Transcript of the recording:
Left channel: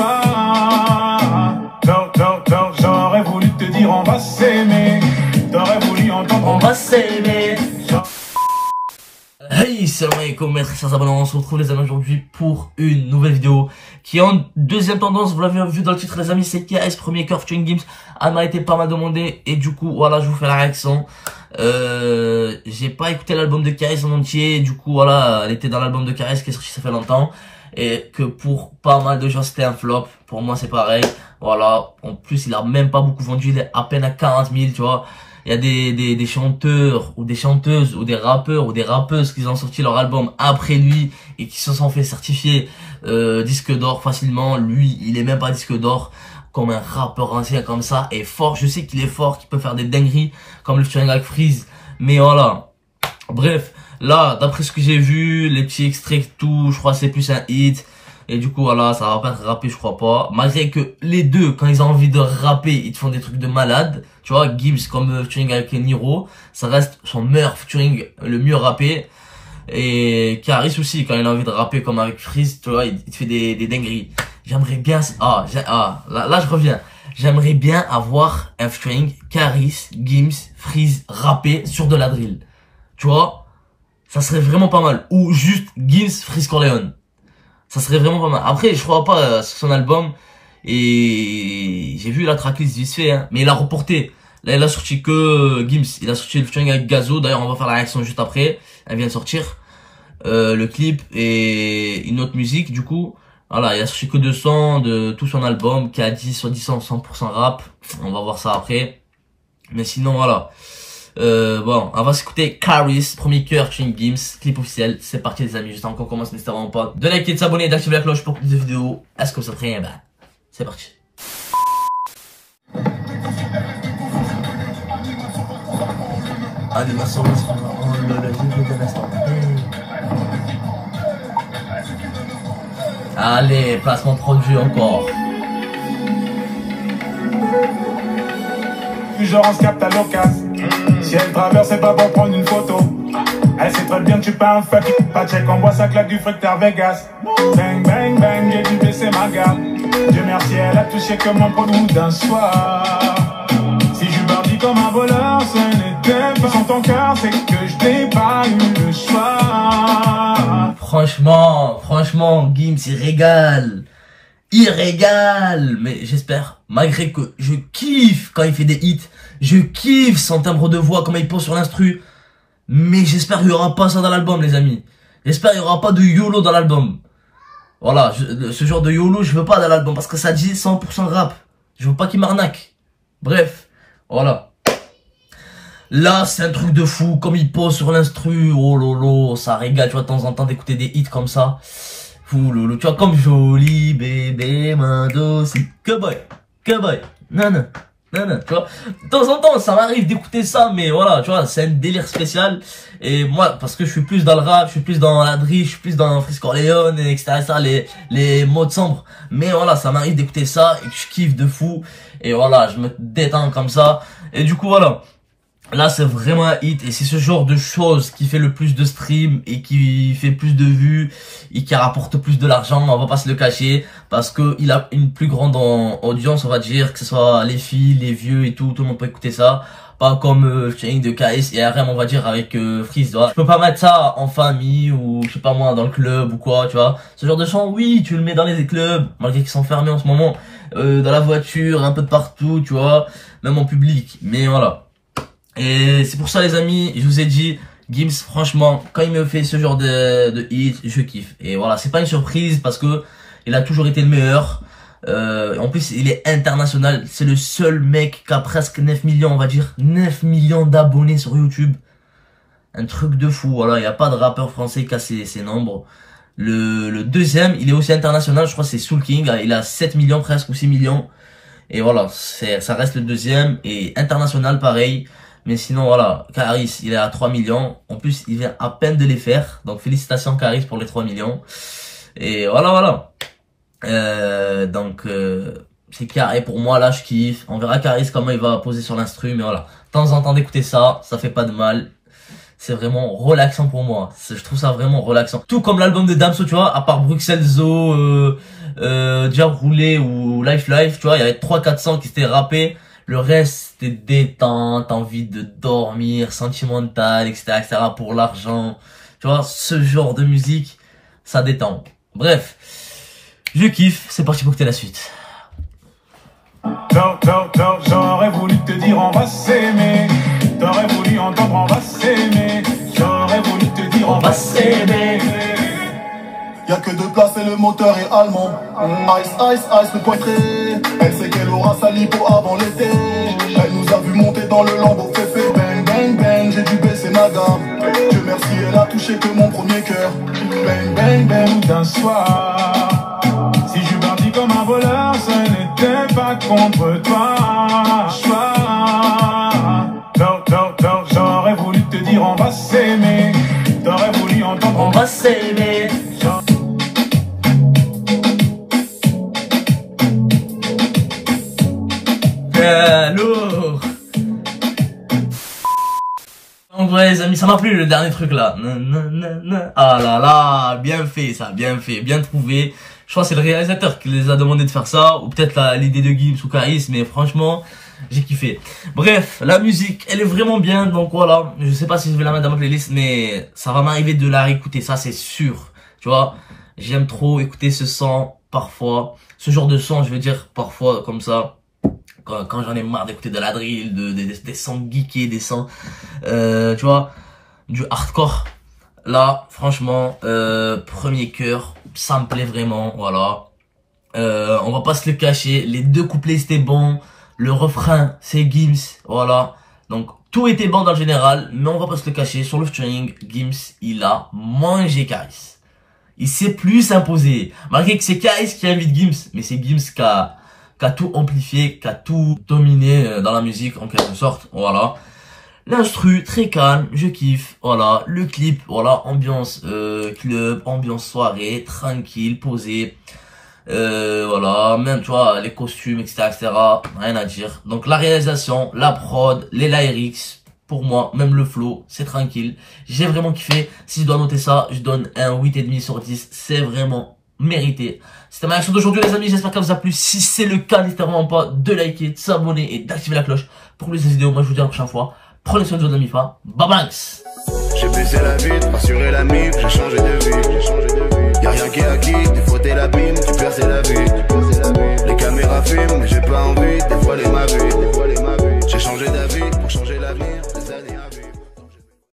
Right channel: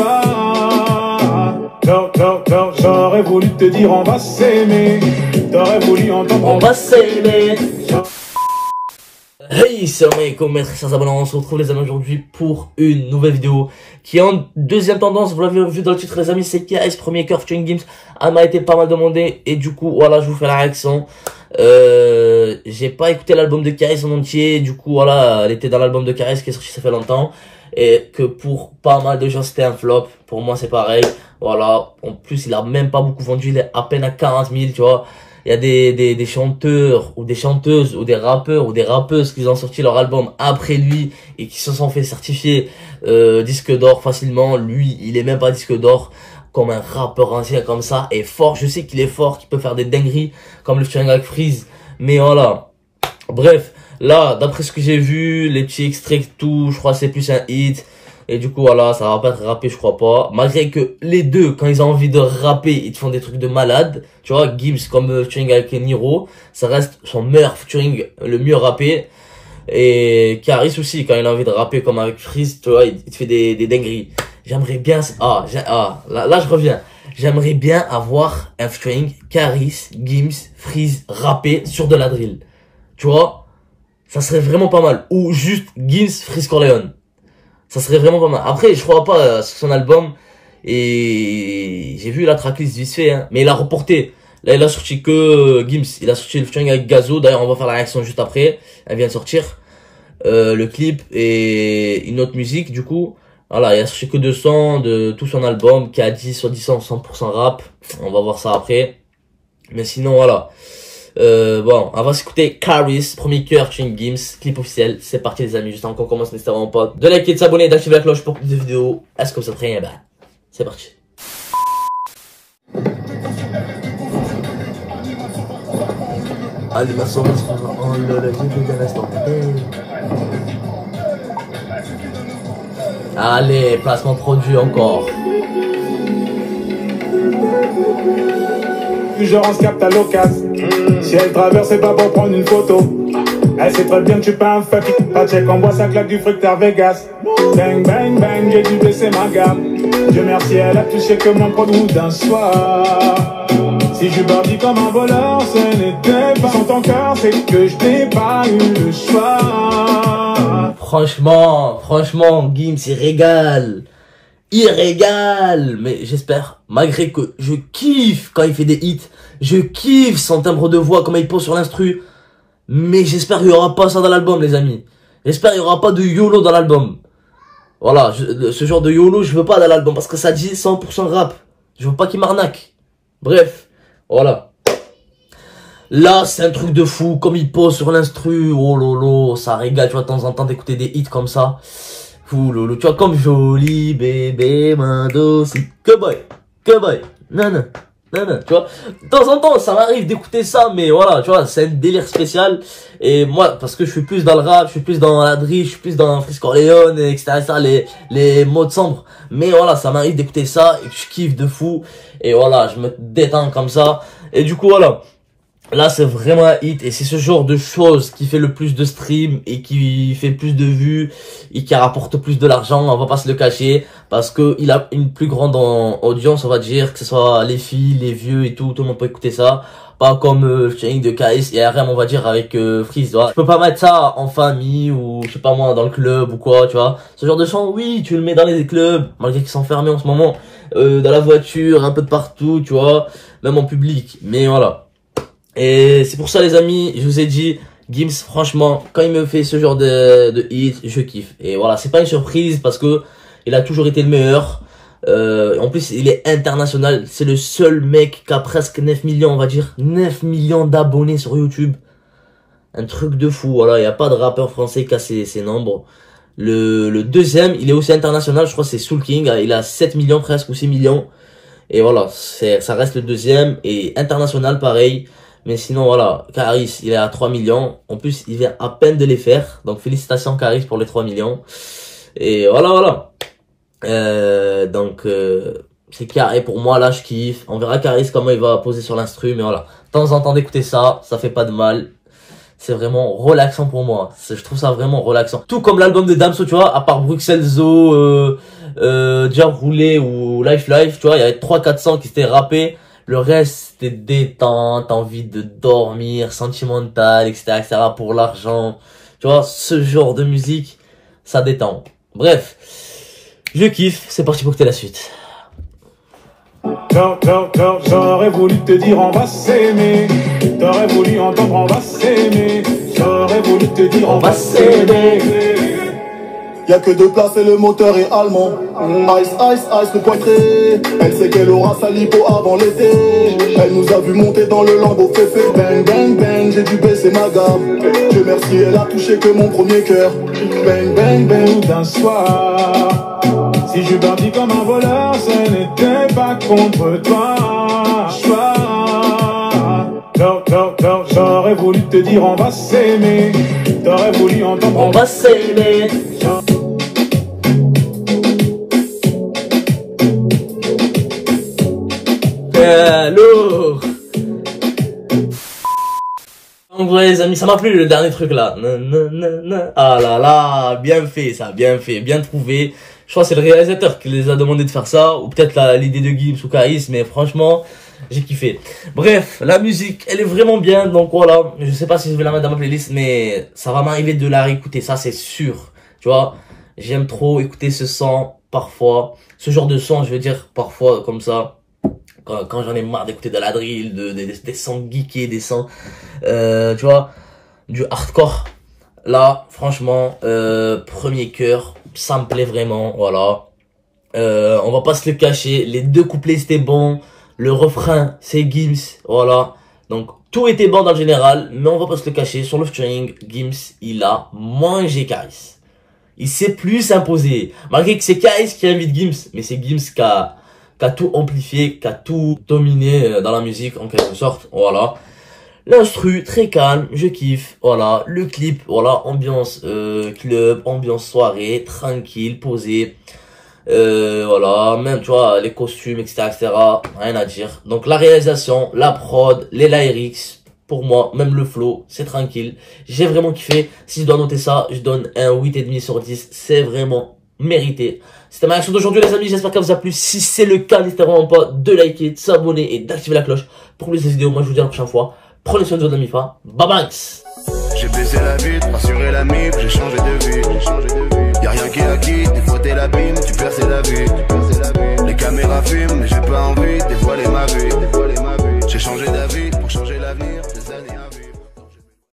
soir. J'aurais voulu te dire on va s'aimer. T'aurais voulu entendre on va s'aimer. Hey, salam alaikum mes très chers abonnés, on se retrouve les amis aujourd'hui pour une nouvelle vidéo qui est en deuxième tendance, vous l'avez vu dans le titre les amis, c'est KS premier cœur featuring Gims. Elle m'a été pas mal demandée et du coup voilà je vous fais la réaction. J'ai pas écouté l'album de KS en entier, du coup voilà elle était dans l'album de KS qui est sorti ça fait longtemps et que pour pas mal de gens c'était un flop, pour moi c'est pareil, voilà, en plus il a même pas beaucoup vendu, il est à peine à 40 000 tu vois. Il y a des chanteurs ou des chanteuses ou des rappeurs ou des rappeuses qui ont sorti leur album après lui et qui se sont fait certifier disque d'or facilement. Lui, il est même pas disque d'or, comme un rappeur ancien comme ça est fort. Je sais qu'il est fort, qu'il peut faire des dingueries comme le featuring avec Freeze. Mais voilà. Bref, là, d'après ce que j'ai vu, les petits extraits tout, je crois que c'est plus un hit. Et du coup, voilà, ça va pas être rappé, je crois pas. Malgré que les deux, quand ils ont envie de rapper, ils te font des trucs de malade. Tu vois, Gims comme featuring avec Niro, ça reste son meilleur featuring, le mieux rappé. Et Karis aussi, quand il a envie de rapper comme avec Freeze, tu vois, il te fait des dingueries. J'aimerais bien, là je reviens. J'aimerais bien avoir un featuring Karis, Gims, Freeze rappé sur de la drill. Tu vois, ça serait vraiment pas mal. Ou juste Gims, Freeze Corleone. Ça serait vraiment pas mal. Après, je crois pas sur son album. Et j'ai vu la tracklist vite fait, hein. Mais il a reporté. Là, il a sorti que Gims. Il a sorti le featuring avec Gazo. D'ailleurs, on va faire la réaction juste après. Elle vient de sortir. Le clip et une autre musique, du coup. Voilà, il a sorti que 200 de tout son album. Qui a dit sur 100% rap. On va voir ça après. Mais sinon, voilà. Bon, on va s'écouter Karis, premier cœur, featuring Gims, clip officiel. C'est parti les amis, juste avant qu'on commence, n'hésitez vraiment pas de liker, de s'abonner, d'activer la cloche pour plus de vidéos. Est-ce que vous êtes prêts? Bah, c'est parti. Animation, allez, placement produit encore. Genre on se capte à l'occasion. Si elle traverse, c'est pas pour prendre une photo. Elle sait très bien que tu pas un fuck. Pas check, on boit ça claque du fric à Vegas. Bang bang bang, j'ai dû baisser ma gamme. Dieu merci, elle a touché que mon produit d'un soir. Si je bardis comme un voleur, ce n'était pas sans ton cœur, c'est que je n'ai pas eu le choix. Franchement, Gims, il régale. Il régale. Mais j'espère, malgré que je kiffe quand il fait des hits, je kiffe son timbre de voix, comment il pose sur l'instru. Mais j'espère qu'il n'y aura pas ça dans l'album, les amis. J'espère qu'il n'y aura pas de YOLO dans l'album. Voilà, ce genre de YOLO, je veux pas dans l'album parce que ça dit 100% rap. Je veux pas qu'il m'arnaque. Bref, voilà. Là, c'est un truc de fou, comme il pose sur l'instru. Oh lolo, ça régale, tu vois, de temps en temps d'écouter des hits comme ça. Fou lolo, tu vois, comme joli bébé, main c'est que boy, non, tu vois, de temps en temps, ça m'arrive d'écouter ça, mais voilà, tu vois, c'est un délire spécial, et moi, parce que je suis plus dans le rap, je suis plus dans la drill, je suis plus dans Freeze Corleone, etc., les modes sombres, mais voilà, ça m'arrive d'écouter ça, et que je kiffe de fou, et voilà, je me détends comme ça, et du coup, voilà. Là, c'est vraiment un hit et c'est ce genre de choses qui fait le plus de streams et qui fait plus de vues et qui rapporte plus de l'argent. On va pas se le cacher parce que il a une plus grande audience, on va dire, que ce soit les filles, les vieux et tout le monde peut écouter ça. Pas comme le featuring de KS et RM, on va dire, avec Freeze. Je peux pas mettre ça en famille ou, je sais pas moi, dans le club ou quoi, tu vois. Ce genre de son, oui, tu le mets dans les clubs, malgré qu'ils sont fermés en ce moment, dans la voiture, un peu de partout, tu vois, même en public. Mais voilà. Et c'est pour ça les amis, je vous ai dit, Gims franchement, quand il me fait ce genre de hit, je kiffe. Et voilà, c'est pas une surprise parce que il a toujours été le meilleur. En plus, il est international. C'est le seul mec qui a presque 9 millions, on va dire. 9 millions d'abonnés sur YouTube. Un truc de fou, voilà. Il n'y a pas de rappeur français qui a ces nombres. Le deuxième, il est aussi international, je crois que c'est Soul King. Il a 7 millions presque ou 6 millions. Et voilà, ça reste le deuxième. Et international, pareil. Mais sinon, voilà, Karis, il est à 3 millions. En plus, il vient à peine de les faire. Donc, félicitations, Karis, pour les 3 millions. Et voilà. C'est carré pour moi, là, je kiffe. On verra Karis comment il va poser sur l'instru. Mais voilà, de temps en temps d'écouter ça, ça fait pas de mal. c'est vraiment relaxant pour moi. Je trouve ça vraiment relaxant. Tout comme l'album de Damso, tu vois, à part Bruxelles Zoo, Déjà Roulé ou Life, tu vois, il y avait 3-4 sons qui étaient rappés. Le reste, c'était détente, envie de dormir, sentimental, etc., pour l'argent. Tu vois, ce genre de musique, ça détend. Bref, je kiffe, c'est parti pour que t'aies la suite. J'aurais voulu te dire on va s'aimer. T'aurais voulu entendre on va s'aimer. J'aurais voulu te dire on va s'aimer. Y'a que 2 places et le moteur est allemand. Ice, ice, ice, le poitré. Elle sait qu'elle aura sa lipo avant l'été. Elle nous a vu monter dans le lambeau féfé. Bang, bang, bang, j'ai dû baisser ma gamme. Dieu merci, elle a touché que mon premier cœur. Bang, bang, bang, d'un soir. Si je partis comme un voleur, ce n'était pas contre toi. J'aurais voulu te dire on va s'aimer. T'aurais voulu entendre on va s'aimer. Lourd. Donc ouais les amis, ça m'a plu le dernier truc là. Ah là là, bien fait ça, bien fait, bien trouvé. Je crois que c'est le réalisateur qui les a demandé de faire ça, ou peut-être l'idée de Gims ou Karis, mais franchement, j'ai kiffé. Bref, la musique, elle est vraiment bien, donc voilà. Je sais pas si je vais la mettre dans ma playlist, mais ça va m'arriver de la réécouter, ça c'est sûr. Tu vois, j'aime trop écouter ce son parfois, ce genre de son, je veux dire parfois comme ça. Quand j'en ai marre d'écouter de la drill, des sons geekés, des sons, tu vois, du hardcore. Là, franchement, premier cœur, ça me plaît vraiment, voilà. On va pas se le cacher, les 2 couplets c'était bon, le refrain c'est Gims, voilà. Donc tout était bon dans le général, mais on va pas se le cacher, sur le featuring, Gims, il a mangé Karis. Il s'est plus imposé, malgré que c'est Karis qui invite Gims, mais c'est Gims qui a tout amplifié, qui a tout dominé dans la musique en quelque sorte, voilà. L'instru, très calme, je kiffe, voilà. Le clip, voilà, ambiance club, ambiance soirée, tranquille, posé, voilà, même, tu vois, les costumes, etc., rien à dire. Donc, la réalisation, la prod, les lyrics, pour moi, même le flow, c'est tranquille. J'ai vraiment kiffé. Si je dois noter ça, je donne un 8,5 sur 10. C'est vraiment mérité. C'était ma réaction d'aujourd'hui les amis, j'espère qu'elle vous a plu. Si c'est le cas, n'hésitez vraiment pas de liker, de s'abonner et d'activer la cloche pour plus de vidéos. Moi je vous dis à la prochaine fois. Prenez soin de votre MIFA. Bye bye. J'ai baissé la vitre, rassuré la mif, j'ai changé de vie. Y'a rien qui est acquis, des fois t'es l'abîme, tu perces la vie. Les caméras filment, mais j'ai pas envie, dévoiler ma vie. J'ai changé d'avis pour changer l'avenir, des années à vivre.